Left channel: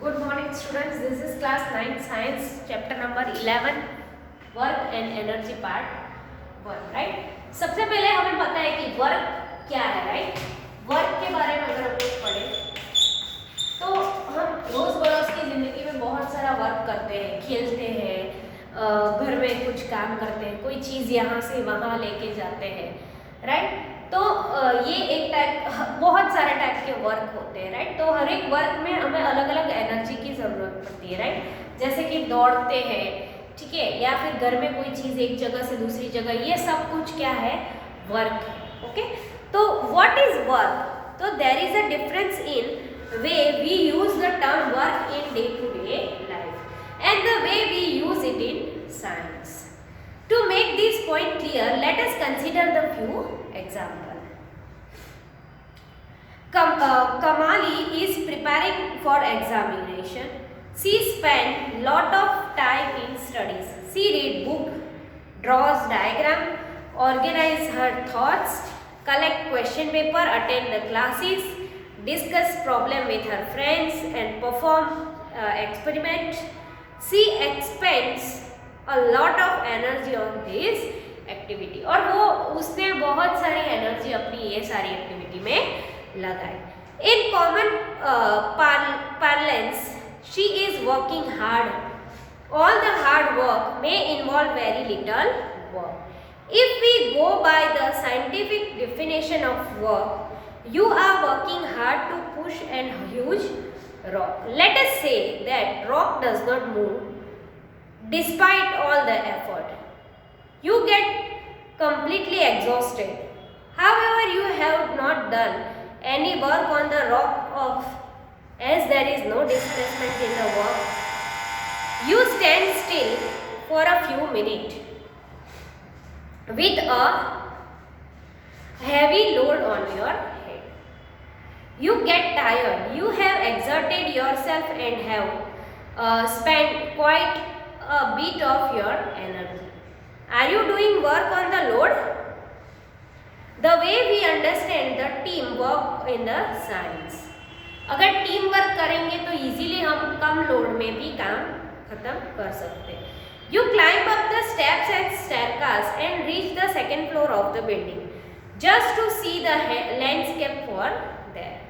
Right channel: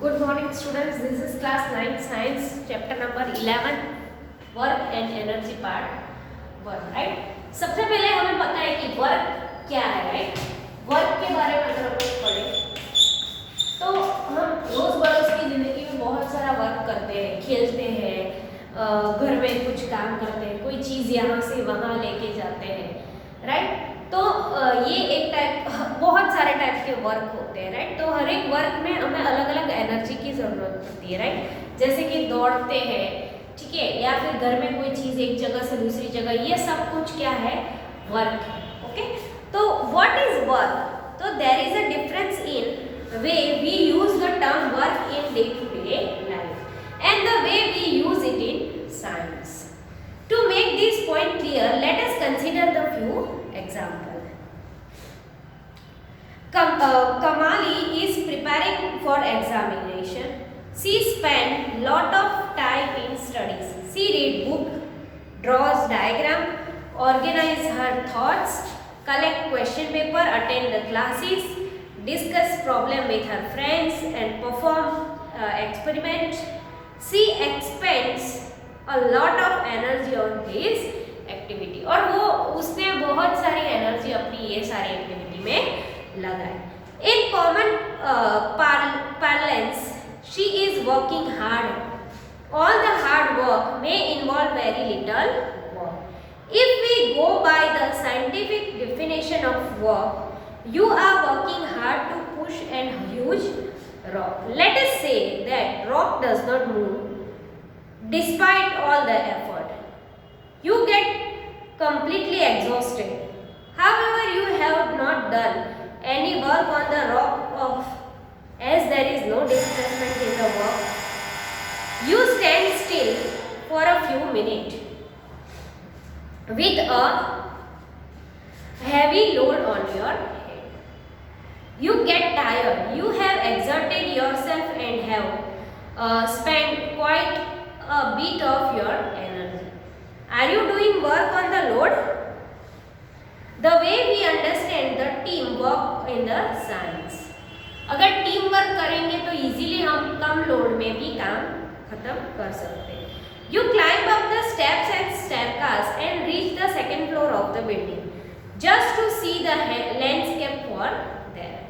Good morning students, this is class 9 science chapter number 11 work and energy part 1 right। सबसे पहले हमें पता है कि वर्क क्या है राइट। वर्क के बारे में अगर हम लोग पढ़ें तो हम रोज़-बरोज़ की ज़िंदगी में बहुत सारा वर्क करते हैं, खेलते हैं, घर में कुछ काम करते हैं, कोई चीज़ यहाँ से वहाँ लेके जाते हैं राइट। तो ये एक टाइप बहुत सारे टाइप के वर्क होते हैं राइट। तो हर एक वर्क में हमें अलग अलग एनर्जी की ज़रूरत पड़ती है राइट। जैसे कि दौड़ते हैं ठीक है, या फिर घर में कोई चीज़ एक जगह से दूसरी जगह, ये सब कुछ क्या है वर्क ओके। तो व्हाट इज वर्क? तो there is a difference in way we use the term work in day to day life and the way we use it in science. To make this point clear, let us consider the few examples. Kamali is preparing for examination. She spent lot of time in studies. She read book, draws diagram, organize her thoughts, collect question paper, attend the classes, discuss problem with her friends and perform experiment. She expends a lot of energy on this activity और वो उसने बहुत सारी एनर्जी अपनी ये सारी एक्टिविटी में लगाई। In common parlance, she is working hard. All the hard work may involve very little work. If we go by the scientific definition of work, you are working hard to push a huge rock. Let us say that rock does not move despite all the effort. You get completely exhausted. However, you have not done any work on the rock as there is no displacement in the work. You stand still for a few minutes with a heavy load on your head. You get tired. You have exerted yourself and have spent quite a bit of your energy. Are you doing work on the load? The way we understand the team work in the science. अगर team work करेंगे तो इजीली हम कम लोड में भी काम खत्म कर सकते हैं। You climb up the steps and staircase and reach the second floor of the building just to see the landscape for there.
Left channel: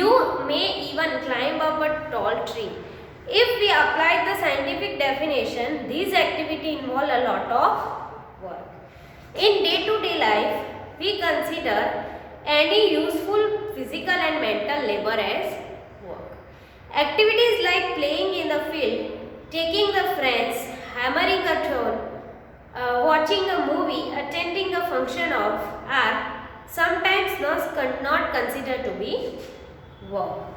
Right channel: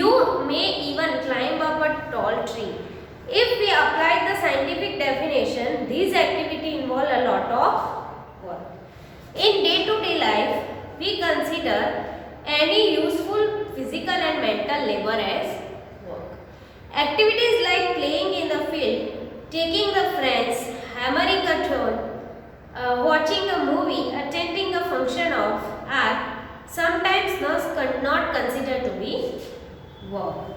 You may even climb up a tall tree. If we apply the scientific definition, these activities involve a lot of work. In day-to-day life, we consider any useful physical and mental labor as work. Activities like playing in the field, taking the friends, hammering a tune, watching a movie, attending a function of art, sometimes not considered to be work.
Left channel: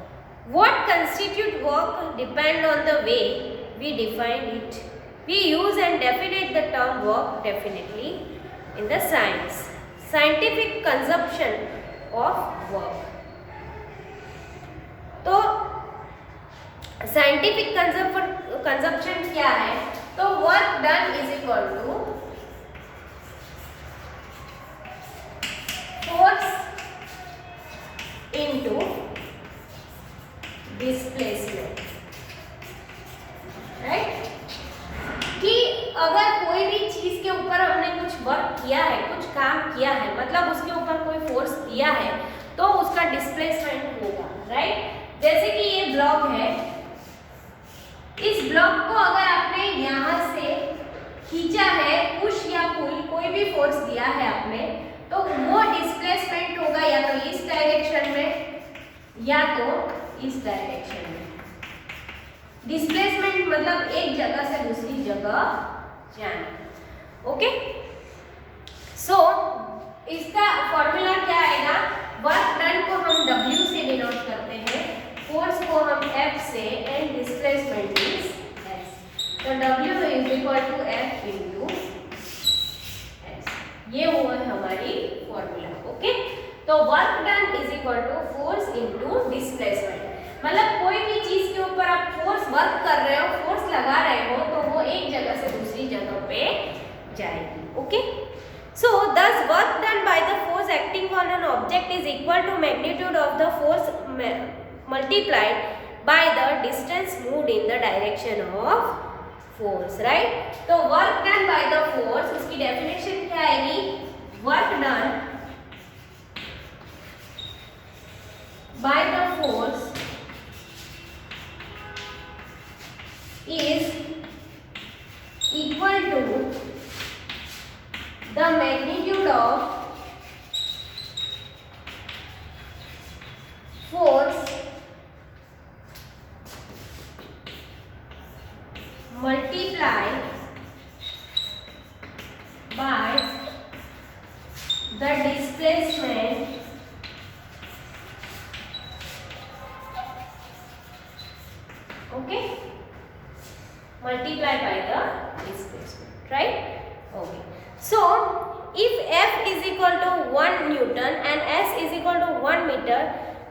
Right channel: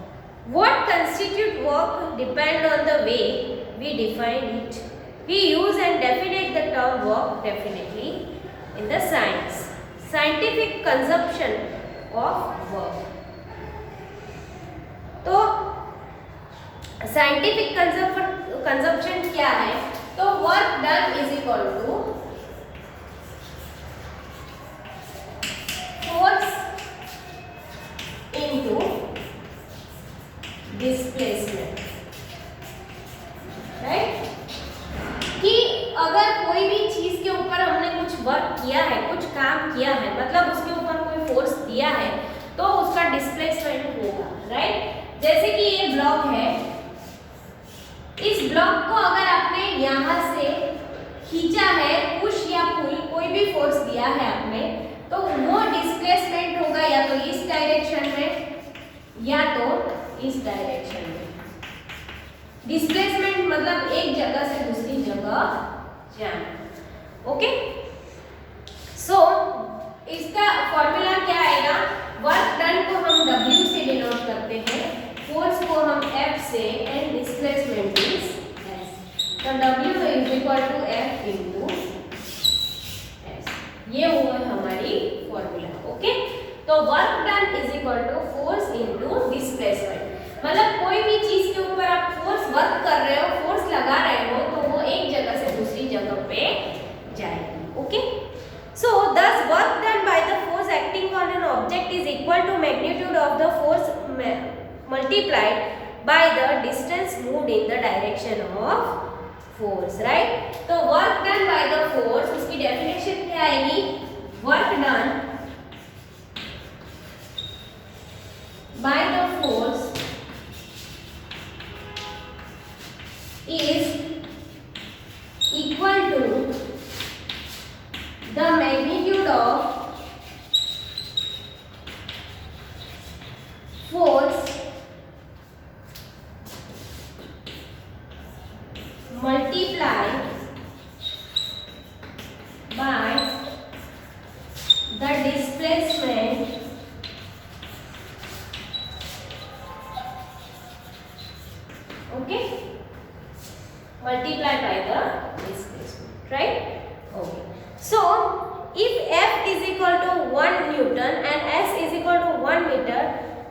What constitutes work depends on the way we define it. We use and define the term work definitely in the science. Scientific consumption of work. तो scientific consumption क्या है? तो work done is equal to force into displacement right. कि अगर कोई भी चीज के ऊपर हमने कुछ वर्क किया है, कुछ काम किया है, मतलब उसके ऊपर कोई फोर्स दिया है तो उसका डिस्प्लेसमेंट होगा राइट। जैसे कि ये ब्लॉक है, इस ब्लॉक को अगर आपने यहाँ से खींचा है, पुश या पुल कोई भी फोर्स दिया है आपने, तो वो डिस्प्लेसमेंट होगा या तो इस डायरेक्शन में या तो इस डायरेक्शन में। डिस्प्लेसमेंट मतलब एक जगह से दूसरी जगह जाना ओके। सो इसका फॉर्मूला क्या आएगा? वर्क डन को हम W से डिनोट करते हैं, फोर्स को हम F से एंड डिस्प्लेसमेंट इज S। तो W is equal to F into S। ये हुआ हमारी फॉर्मूला ओके। तो work done is equal to force into displacement, मतलब कोई भी चीज के ऊपर आप फोर्स वर्क कर रहे हो, फोर्स लगा रहे हो, तो वो एक जगह से दूसरी जगह पे जाएगी ओके। सो thus work done by the force acting on an object is equal to magnitude of the force multiplied by the distance moved in the direction of force, right? तो work done by the force, उसकी definition क्या आएगी? Work done by the force is equal to the magnitude of force multiplied by the displacement okay multiplied by the displacement, right? Okay, so if F is equal to 1 Newton and S is equal to 1 meter,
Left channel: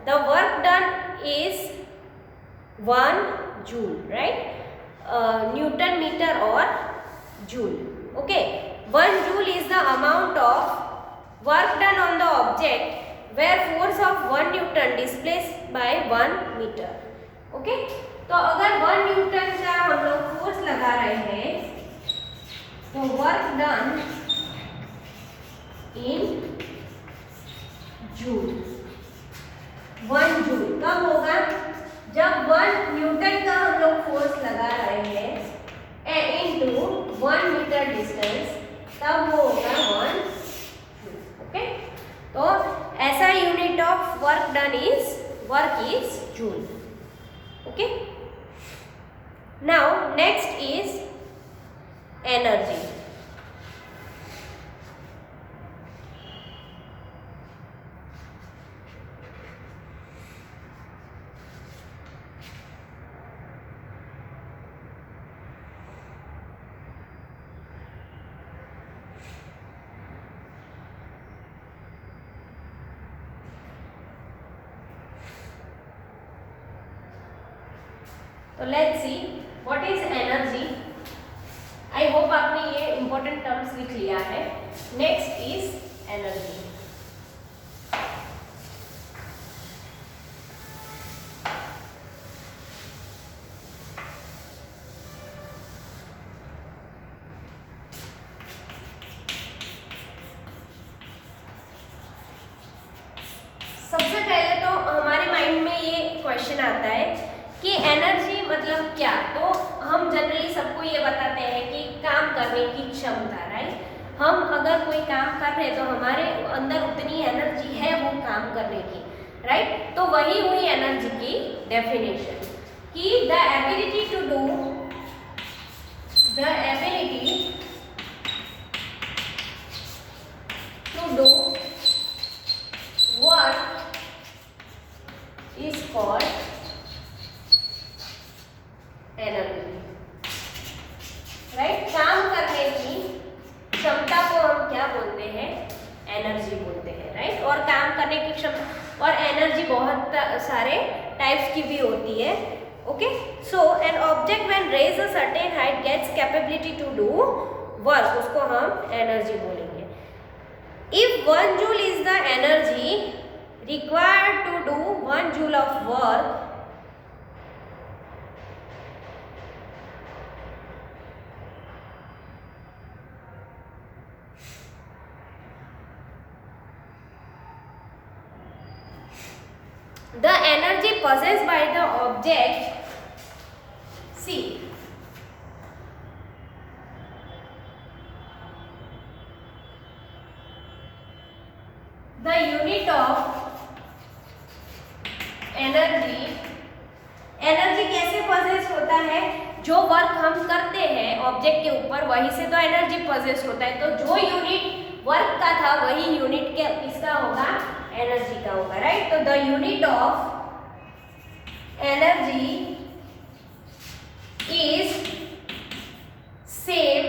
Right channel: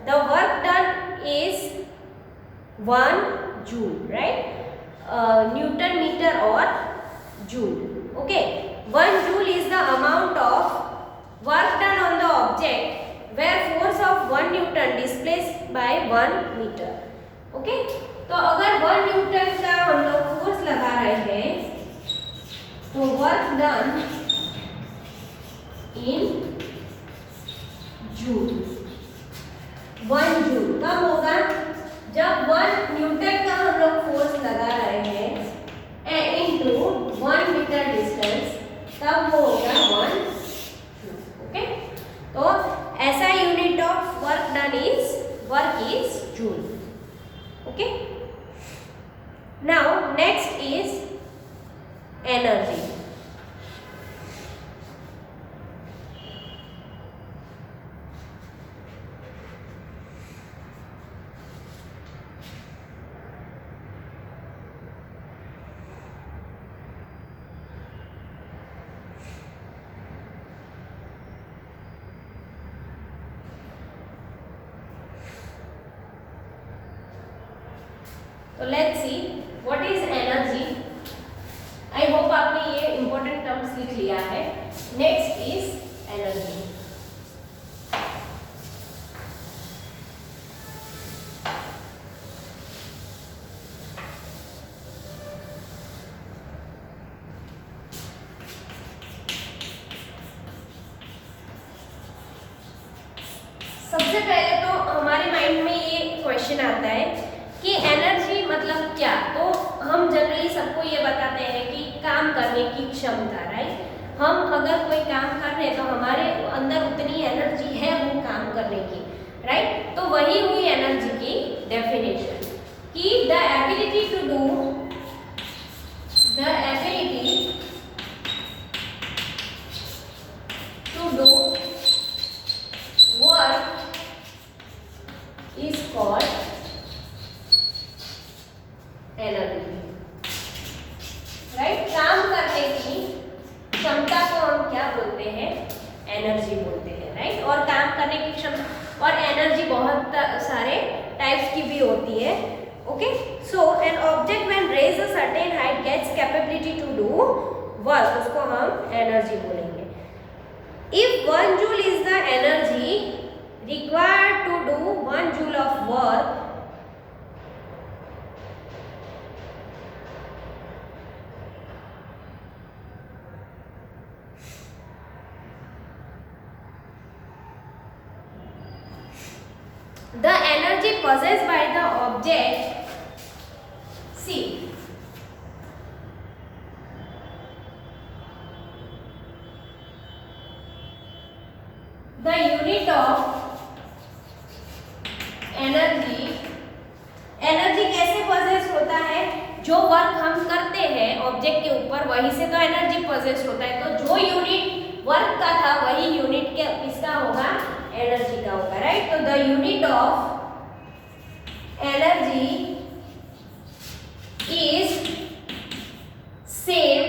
the work done is 1 joule, right? Newton meter or joule. Okay, 1 joule is the amount of work done on the object where force of 1 Newton displaced by 1 meter. Okay, तो अगर 1 न्यूटन का हम लोग फोर्स लगा रहे हैं तो work done in joule, 1 जूल कब होगा? जब 1 न्यूटन का हम लोग फोर्स लगा रहे हैं इनटू 1 मीटर डिस्टेंस, तब वो होगा 1 जूल. ओके, तो ऐसा unit of work done is joule. Okay, now next is energy. तो let's see what is energy. I hope आपने ये important terms लिख लिया है. Next is energy. सबसे पहले तो हमारे माइंड में ये क्वेश्चन आता है कि एनर्जी मतलब क्या. तो हम जनरली सबको ये बताते हैं कि काम करने की क्षमता, राइट? हम अगर कोई काम कर रहे हैं तो हमारे अंदर उतनी एनर्जी है वो काम करने की, राइट? तो वही हुई एनर्जी की डेफिनेशन कि the ability to do work is called energy, right? काम करने की क्षमता को हम क्या बोलते हैं? एनर्जी बोलते हैं, राइट? और काम करने की क्षमता और एनर्जी बहुत सारे टाइप्स की भी होती है. Okay, so an object when raise a certain height gets capability to do work, उसको हम एनर्जी बोलेंगे. If 1 joule is the energy required to do 1 joule of work, the energy possessed by the object, see, the unit of energy कैसे possess होता है? जो वर्क हम करते हैं ऑब्जेक्ट के ऊपर वहीं से तो एनर्जी possess होता है. तो जो यूनिट वर्क का था वही यूनिट के किसका होगा? एनर्जी का होगा, राइट? तो the unit of energy is same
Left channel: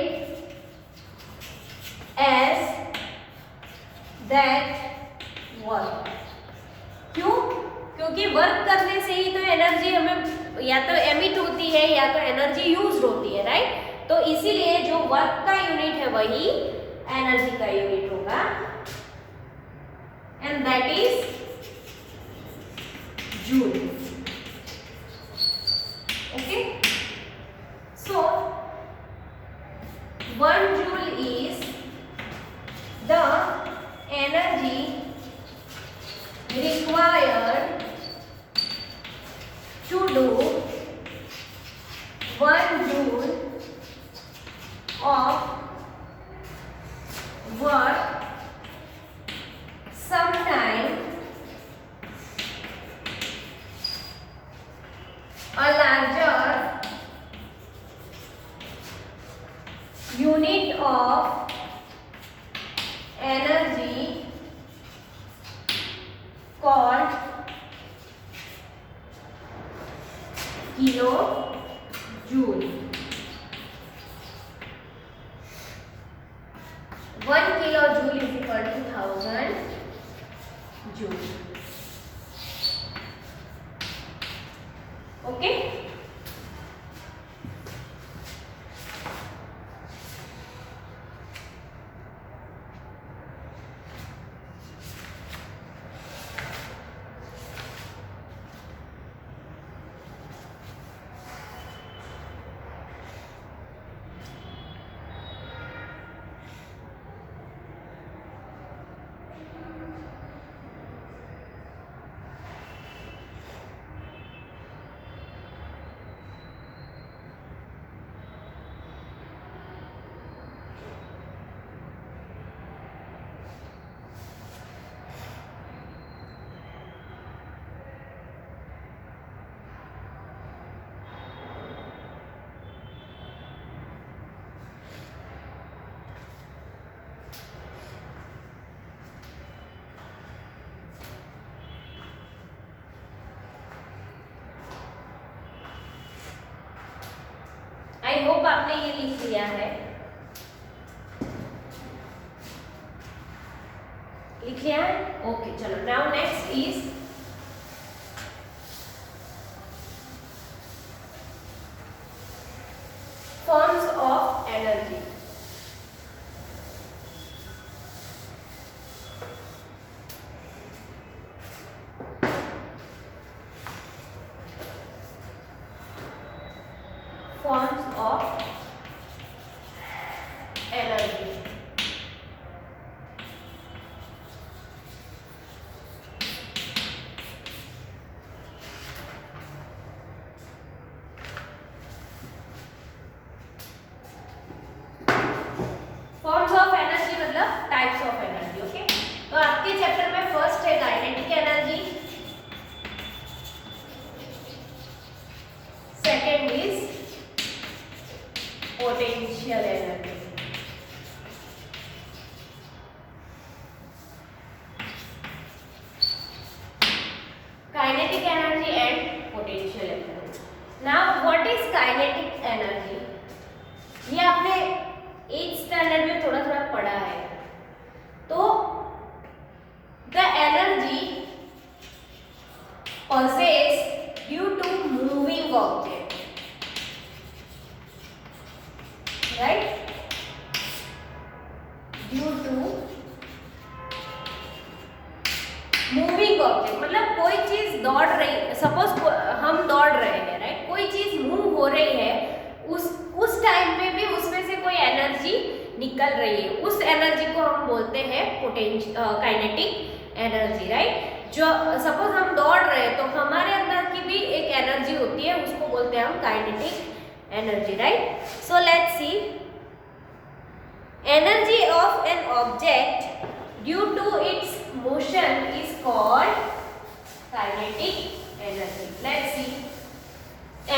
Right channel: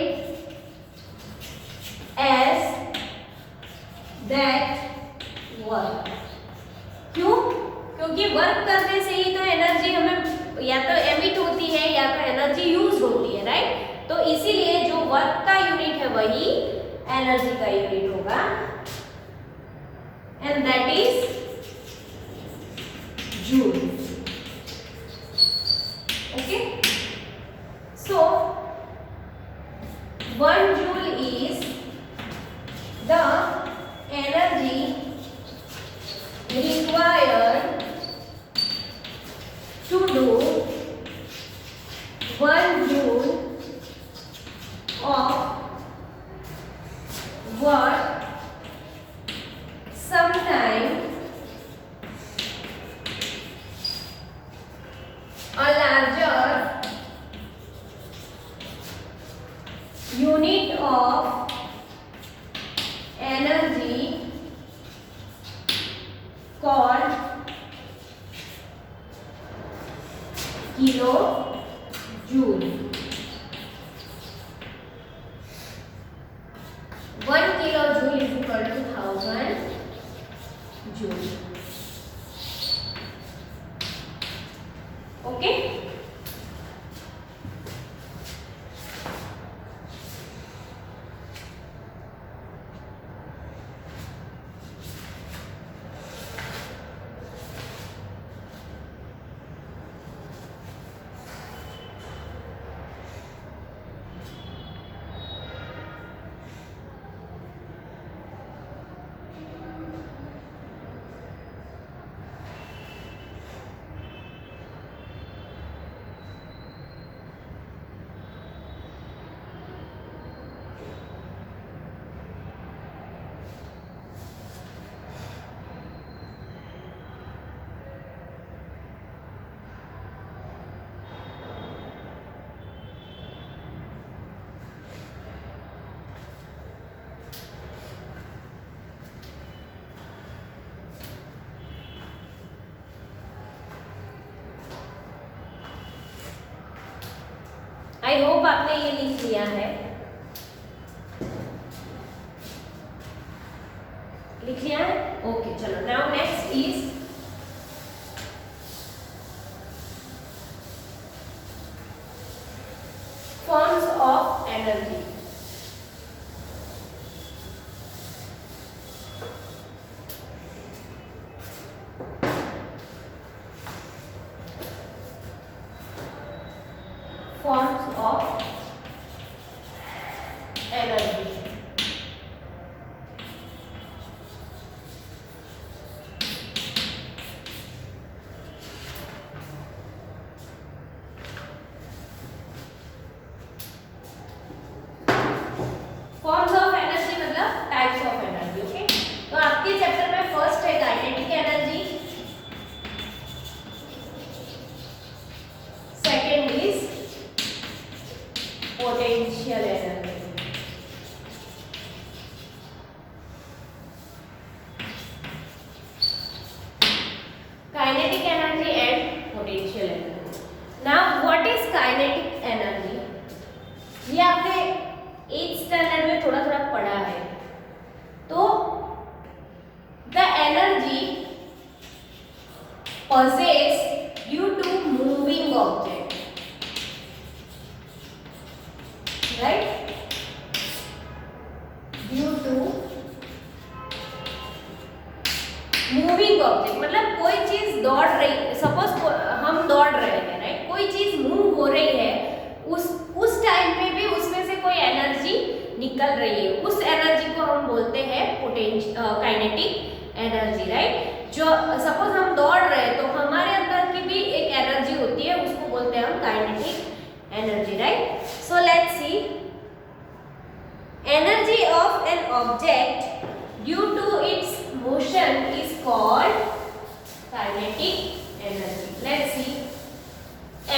as that work. क्यों? क्योंकि वर्क करने से ही तो एनर्जी हमें या तो एमिट होती है या तो एनर्जी यूज होती है, राइट? तो इसीलिए जो वर्क का यूनिट है वही एनर्जी का यूनिट होगा, and that is joule. of energy called kilojoule. 1 kilojoule is equal to 1000 joule. Okay. I hope आपने ये लिख लिया है। लिख लिया है? ओके, चलो now next is forms of energy. Forms of energy. Forms of energy मतलब types of energy. ओके, तो आपके चैप्टर में फर्स्ट है kinetic energy, second is potential energy. Kinetic energy and potential energy. Now what is kinetic energy? ये आपने 8th standard में थोड़ा थोड़ा पढ़ा है। तो the energy possessed due to moving object, right? Due to moving object मतलब कोई चीज दौड़ रही है, सपोज हम दौड़ रहे हैं, राइट? कोई चीज मूव हो रही है, उस टाइम पे भी उसमें से कोई एनर्जी निकल रही है, उस एनर्जी को हम बोलते हैं काइनेटिक एनर्जी, राइट? जो सपोज हम दौड़ रहे हैं तो हमारे अंदर की भी एक एनर्जी होती है, उसको बोलते हैं हम kinetic energy, right? So let's see energy of an object due to its motion is called kinetic energy. Let's see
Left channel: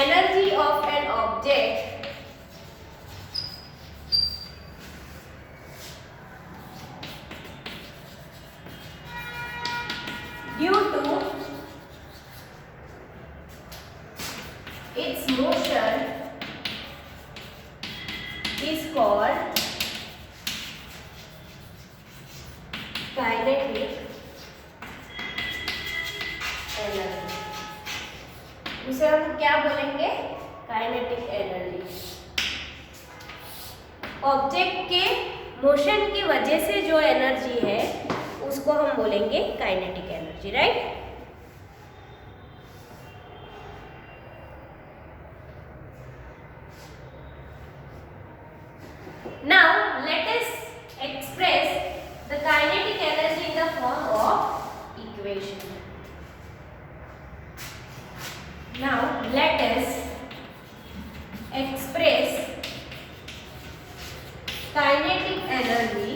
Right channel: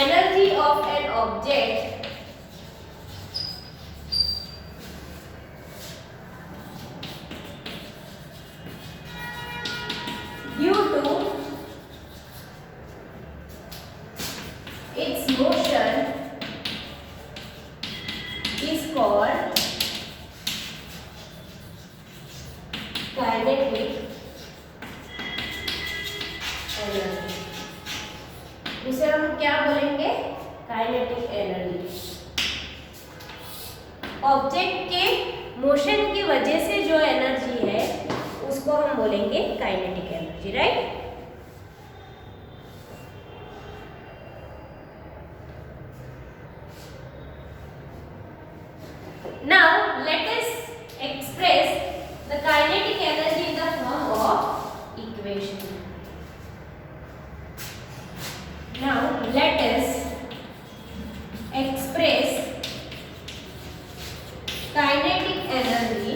energy of an object due to its motion is called kinetic energy. उसे हम क्या बोलेंगे? Kinetic energy. Object के मोशन की वजह से जो एनर्जी है उसको हम बोलेंगे kinetic energy, right? Now let us express the kinetic energy in the form of equation. Now let us express kinetic energy.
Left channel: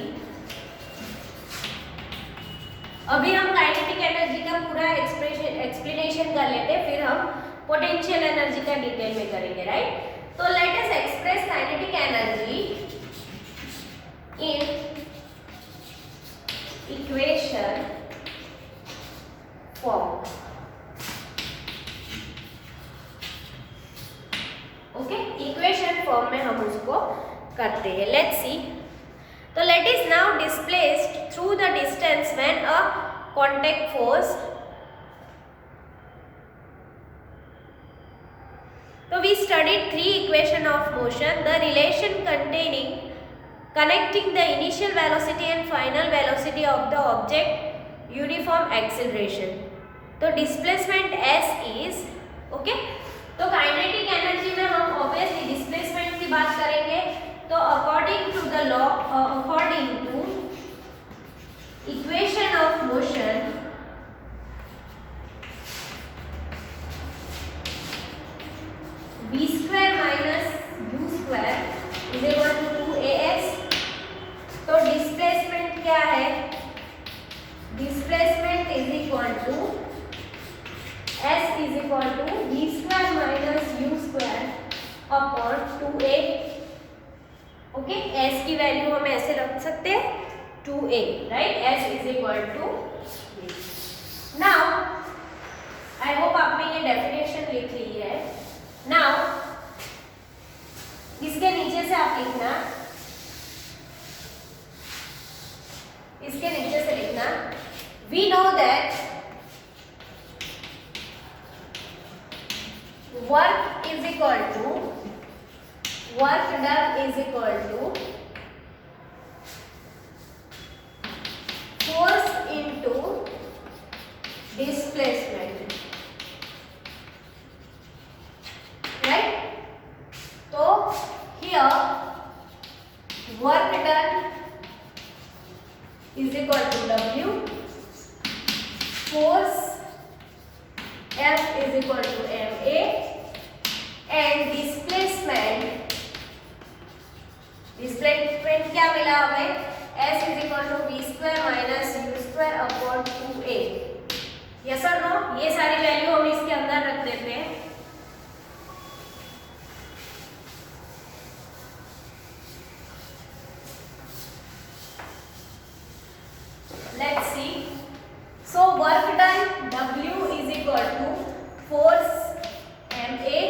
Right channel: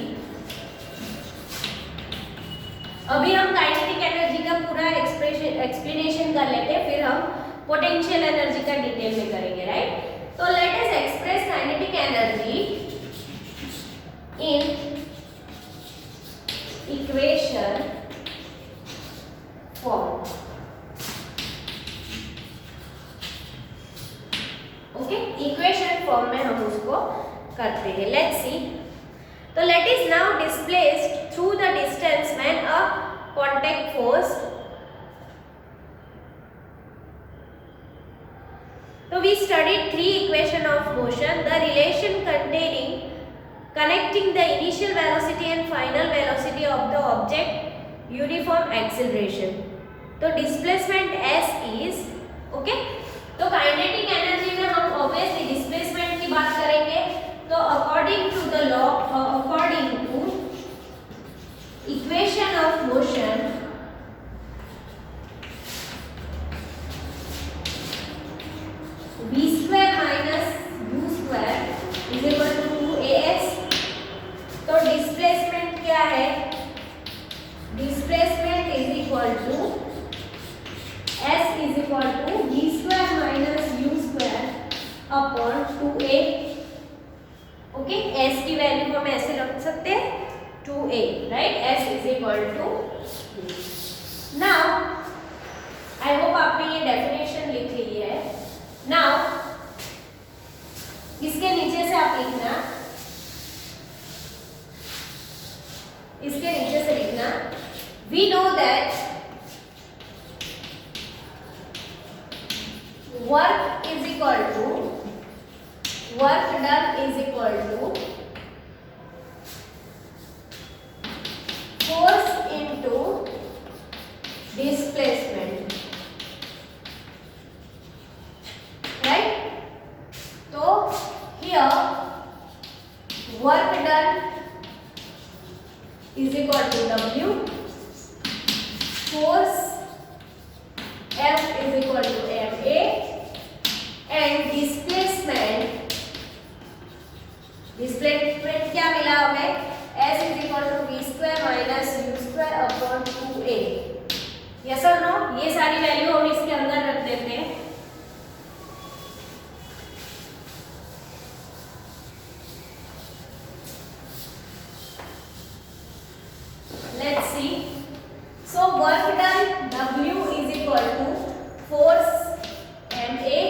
अभी हम काइनेटिक एनर्जी का पूरा एक्सप्लेनेशन कर लेते हैं, फिर हम पोटेंशियल एनर्जी का डिटेल में करेंगे, राइट? तो let us express kinetic energy in equation form. Okay, equation form में हम उसको करते हैं. Let's see. तो let is now displaced through the distance when a contact force. So we studied three equations of motion, the relation connecting the initial velocity and final velocity of the object, uniform acceleration. तो displacement s is okay. तो kinetic energy में हम obviously displacement की बात करेंगे. तो according to the law, according to equation of motion, v square minus u square is equal to 2as. तो displacement क्या है? Displacement is equal to s is equal to v square minus u square upon 2a. ओके, s की value हम ऐसे रख सकते हैं 2a, right. s is equal to. Now I hope आपने ये डेफिनेशन लिख ली है. नाउ इसके नीचे से आप लिखना, इसके नीचे से लिखना, we know that work is equal to, work done is equal to force into displacement, right. तो here work done is equal to W, force F is equal to MA, and displacement क्या मिला हमें? S is equal to V square minus U square upon 2A. Yes और नो? ये सारी वैल्यू हम इसके अंदर रख देते हैं. Let's see. So work done, W is equal to force MA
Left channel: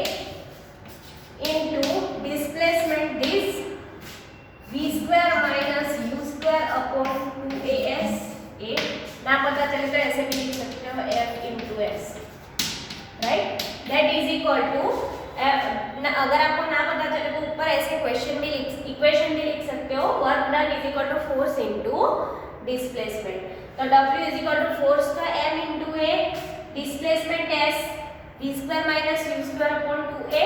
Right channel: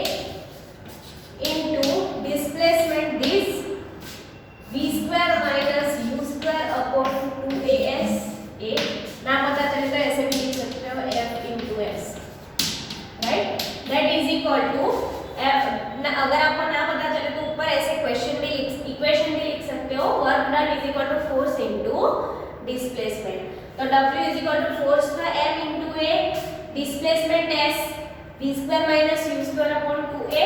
into displacement this V square minus U square upon 2AS. A ना पता चले तो ऐसे भी लिख सकते हो F into S, right? That is equal to अगर आपको ना पता चले तो ऊपर ऐसे इक्वेशन भी लिख सकते हो. Work done is equal to force into displacement. तो W is equal to force था M into A, displacement S, V square minus U square upon 2A.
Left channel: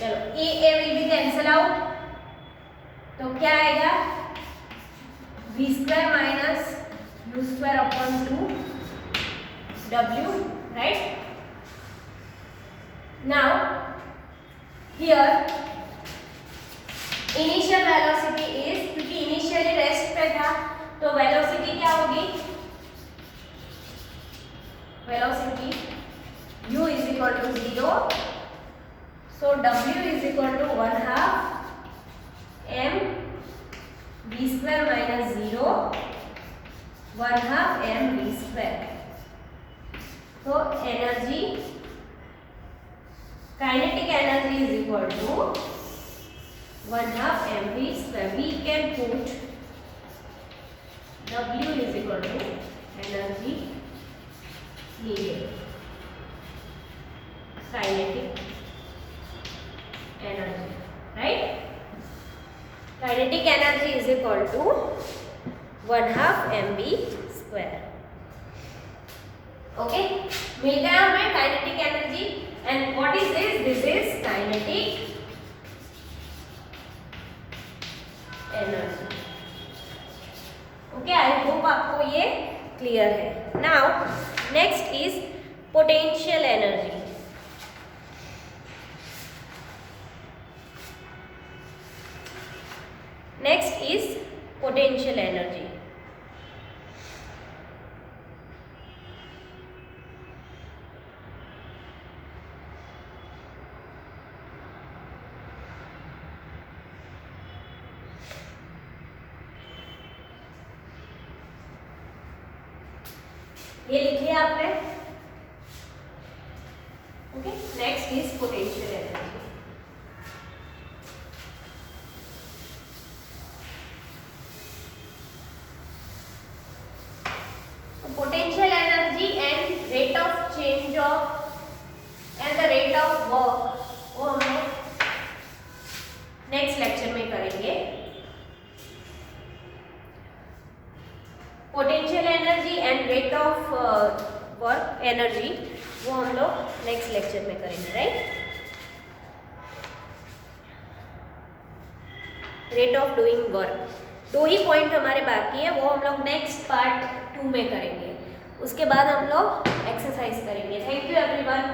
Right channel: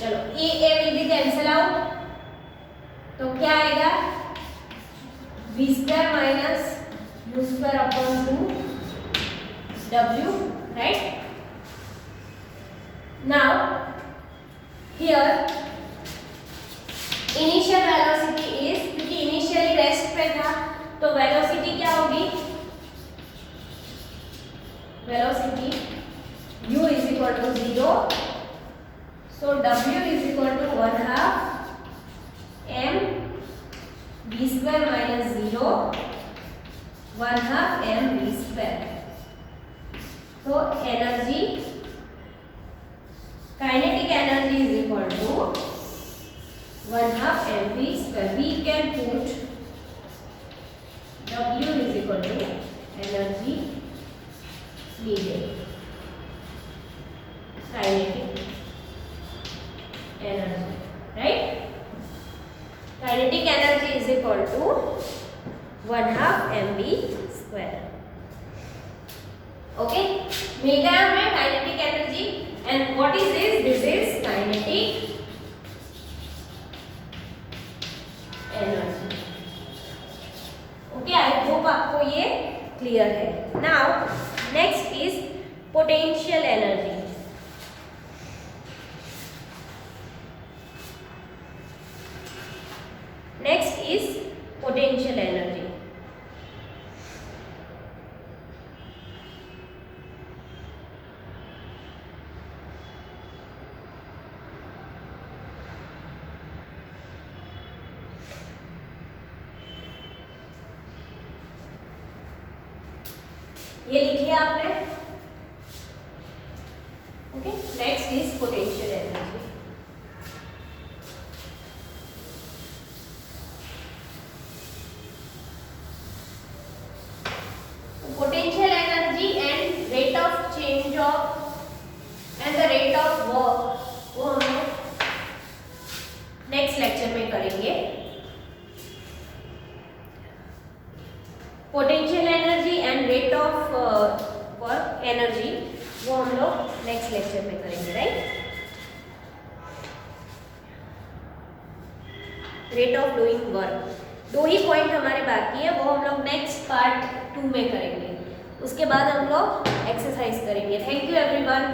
चलो A will be cancel out. तो क्या आएगा? V square minus U square upon 2W, right. Now here initial velocity is, क्योंकि initially rest पे था तो velocity क्या होगी? Velocity u is equal to 0, so w is equal to 1/2 m v square minus 0 1/2 m v square. So energy, kinetic energy is equal to 1/2 m v square. We can put W is equal to energy needed, kinetic energy, right? Kinetic energy is equal to 1/2 mv square. Okay, मिल गया हमें kinetic energy. And what is this? This is kinetic energy. Okay, I hope आपको ये क्लियर है. Now next is potential energy. Next is potential energy. लिया आपने? Okay, next is potential energy. Potential energy and rate of change of and the rate of work वो हम लोग next lecture में करेंगे। Potential energy and rate of work energy वो हम लोग नेक्स्ट लेक्चर में करेंगे, right. Rate of doing work, 2 ही पॉइंट हमारे बाकी है, वो हम लोग नेक्स्ट पार्ट 2 में करेंगे। उसके बाद हम लोग एक्सरसाइज करेंगे। Thank you everyone.